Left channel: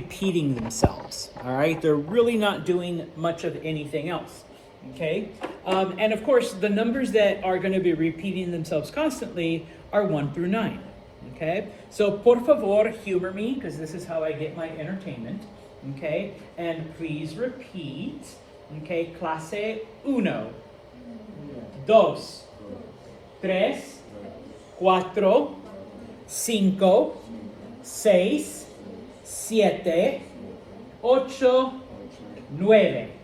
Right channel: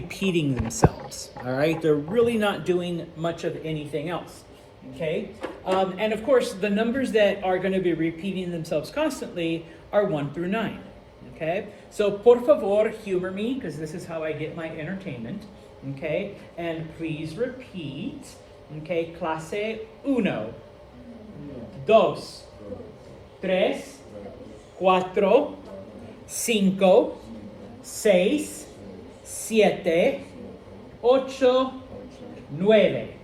repeating themselves, all right? They're really not doing much of anything else, okay? And of course, the numbers that are going to be repeating themselves constantly are 1 through 9, okay? So, por favor, humor me, because this is how I get my entertainment, okay? And please repeat, okay? Clase uno, dos, tres, cuatro, cinco, seis, siete, ocho, nueve.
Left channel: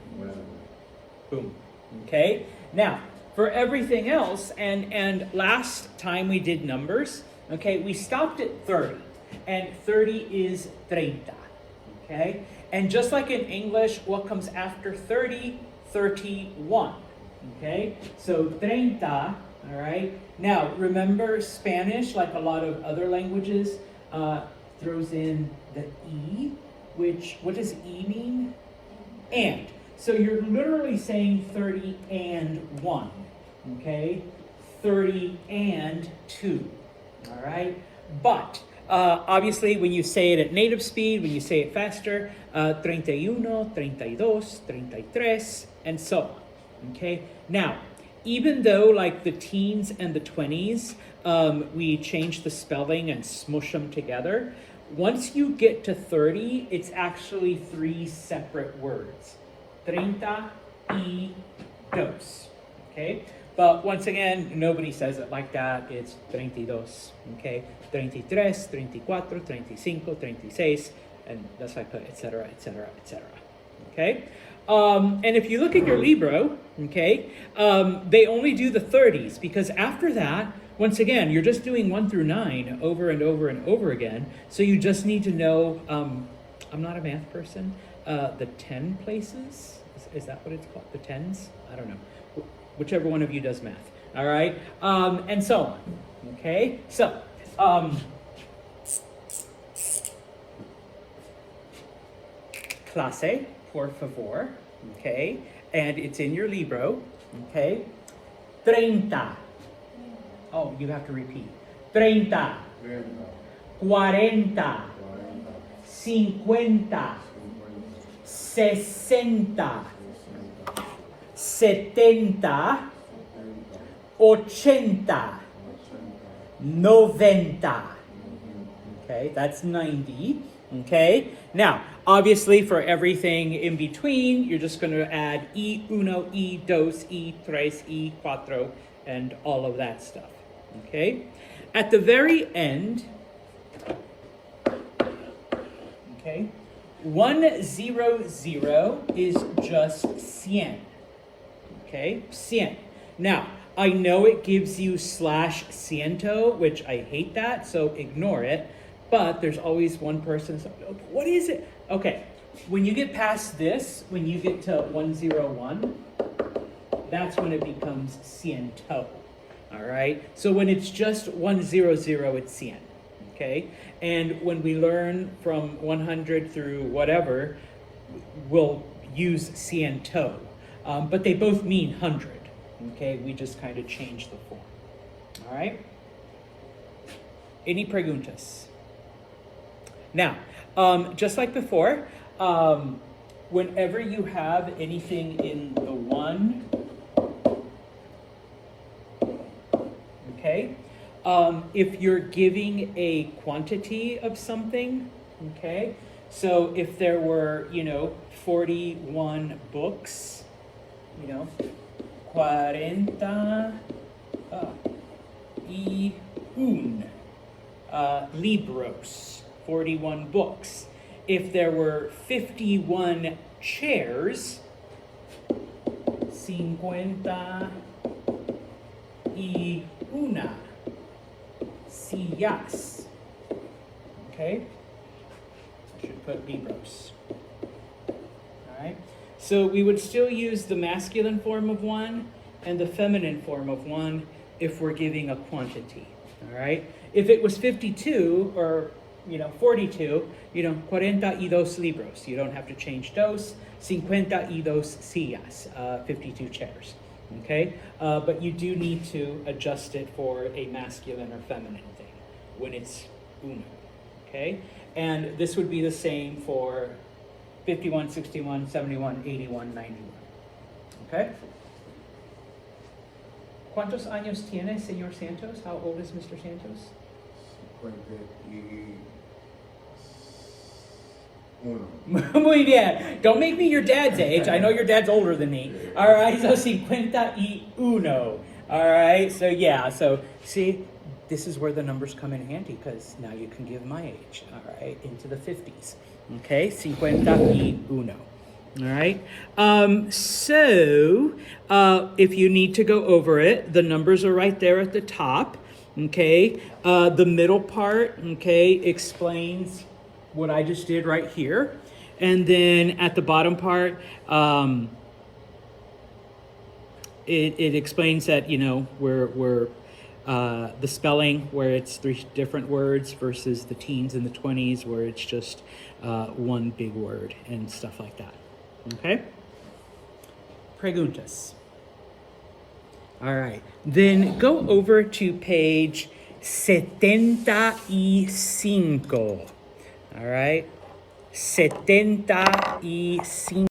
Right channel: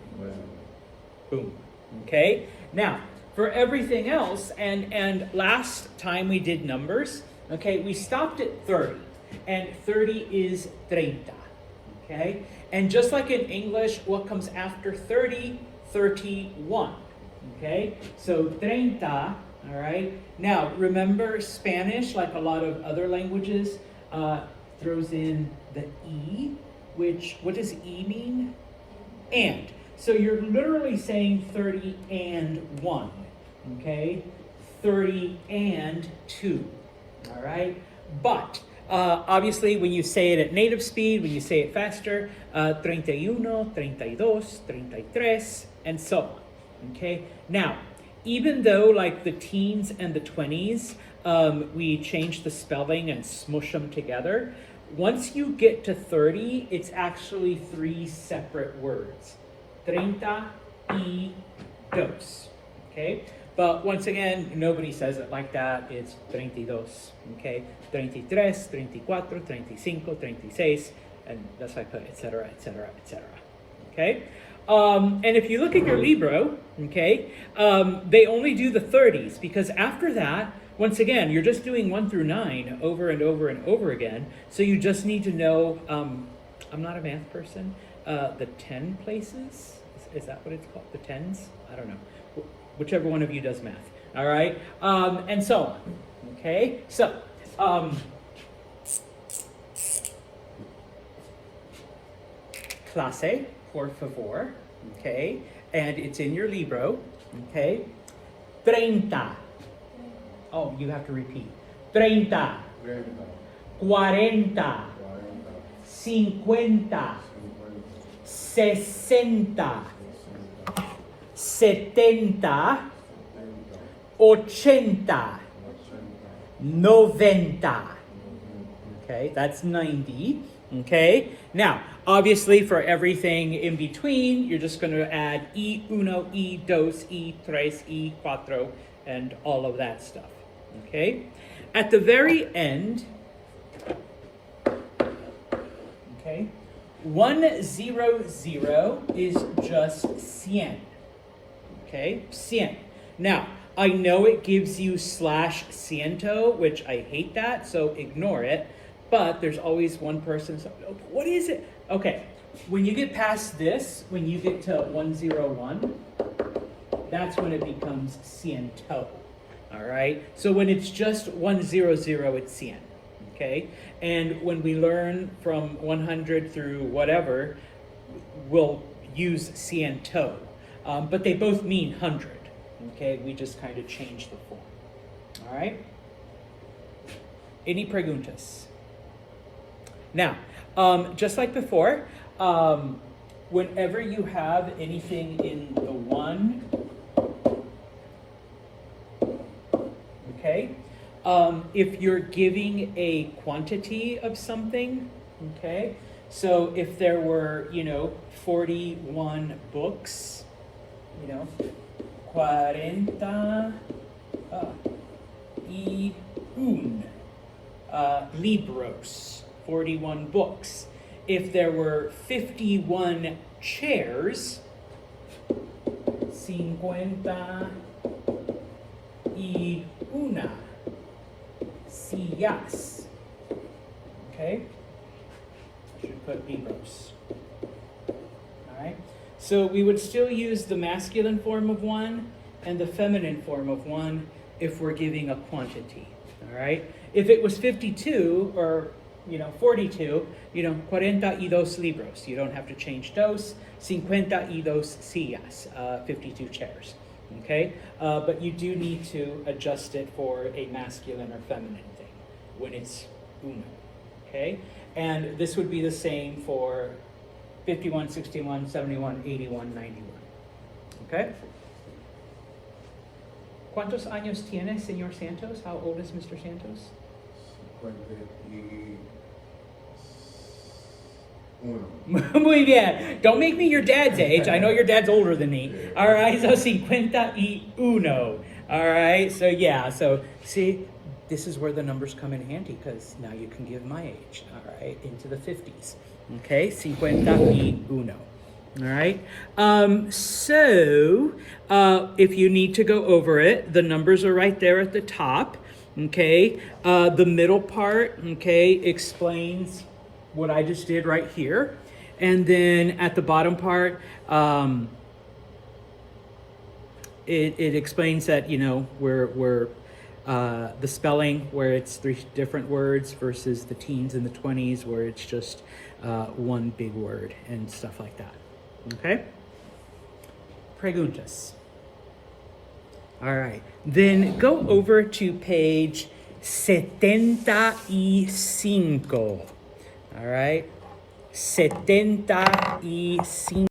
Boom. Okay? Now, for everything else, and last time we did numbers, okay, we stopped at 30. And 30 is 30. Okay? And just like in English, what comes after 30? 31. Okay? So 30, all right? Now, remember Spanish, like a lot of other languages, throws in the E, which, what does E mean? And. So you're literally saying 30 and 1, okay? 30 and 2, all right? But obviously when you say it at native speed, when you say it faster, 31, 32, 33, and so on, okay? Now, even though like the teens and the 20s, we change the spelling and smush them together, once you get to 30, it's actually 3 separate words. 32, okay? But once again, nobody says it like that. It's 32, okay? 33, 34, 35, 36, and that's like etc., etc., etc., okay? And if you look at your Libro, okay, they only do the 30s, because after that, once again, you're just doing 1 through 9 over and over and over again, so you just need to know, I'm not a math person, the 10 places. Is that what it's called? The 10s? I don't know. Whichever one of you does math. All right? And so, okay? So, clase, por favor. Okay? And it's in your Libro. Okay? 30. Oh, you have to repeat. 30. 40. 50. 60, 70, 80, 90. Okay, that's 90. Okay, now, obviously for everything in between, you're just going to add y uno, y dos, y tres, y cuatro, and all of that stuff. Okay, at the very end, okay, 100 is just 100, okay, 100. Now, I know it gives you /ciento, which I hate that, so ignore it, but there's always one person saying, what is it? Okay, when you get past this, when you get to 101, that's when it becomes ciento, all right? So when it's just 100, it's 100, okay? And when we learn from 100 through whatever, we'll use ciento. But they both mean 100, okay? We just kind of change the form, all right? Any preguntas? Now, just like before, whenever you have anything in the 1, okay? If you're giving a quantity of something, okay? So if there were, 41 books, 41 libros, 41 books. If there were 51 chairs, 51 sillas. Okay? I should put libros. Alright? So we would still use the masculine form of 1 and the feminine form of 1 if we're giving a quantity. Alright? If it was 52 or 42, 42 libros. You don't have to change dos. 52 sillas, 52 chairs. Okay? But you do need to adjust it for a masculine or feminine thing when it's uno. Okay? And this would be the same for 51, 61, 71, 81, 91. Okay? ¿Cuántos años tiene, señor Santos? How old is Mr. Santos? 51. Muy bien. Don't make me your dad's age. I know your dad's older than me. All right, so 51. All right, so yeah, so see, this is where the numbers come in handy because now you can give my age, all right, into the 50s. Okay, 51. All right, if you need to go over it, the numbers are right there at the top. Okay, the middle part, okay, explains what I just did right here. And then at the bottom part, it explains that, you know, we're the spelling where it's 3 different words versus the teens and the 20s where it's just one big word and stuff like that. Okay? Preguntas. All right. Then go over to page 75. All right? 75.